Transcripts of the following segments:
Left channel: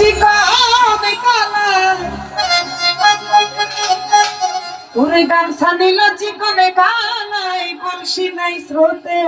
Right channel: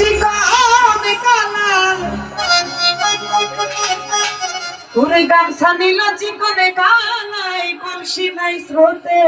চিকন কালা ওরে গামছা নিল চিকনে কালাই কলসি নাই স্রোতে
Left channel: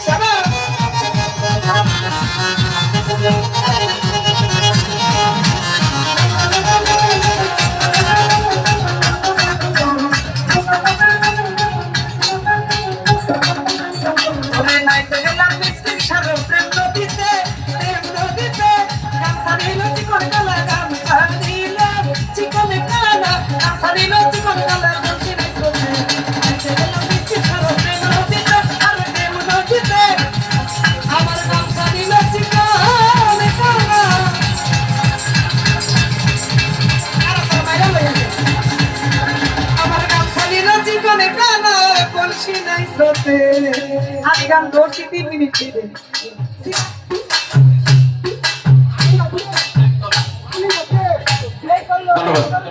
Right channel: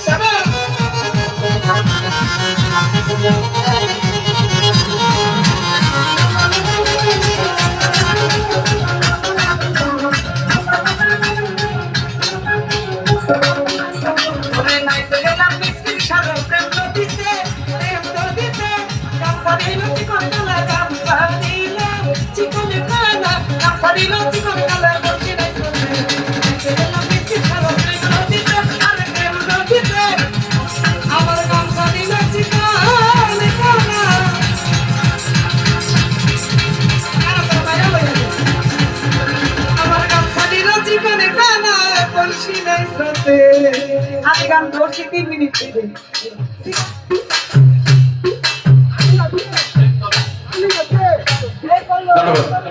Shut up! ওরে নাইতে গেলাম মিষ্টির সাগর প্রেম নদীতে গামছা নিল চিকন কালা গামছা নিল চিকন কালা গামছা নিল চিকন কালা বলছি নাই স্রোতে নাইতে গেলাম মিষ্টির সাগর প্রেম নদীতে আর প্রেম নদীতে আমার গামছা নিল চিকন কালা আমার গামছা নিল চিকন কালা বলছি নাই স্রোতে আমি গান ধরছি 3 মিনিট ধরে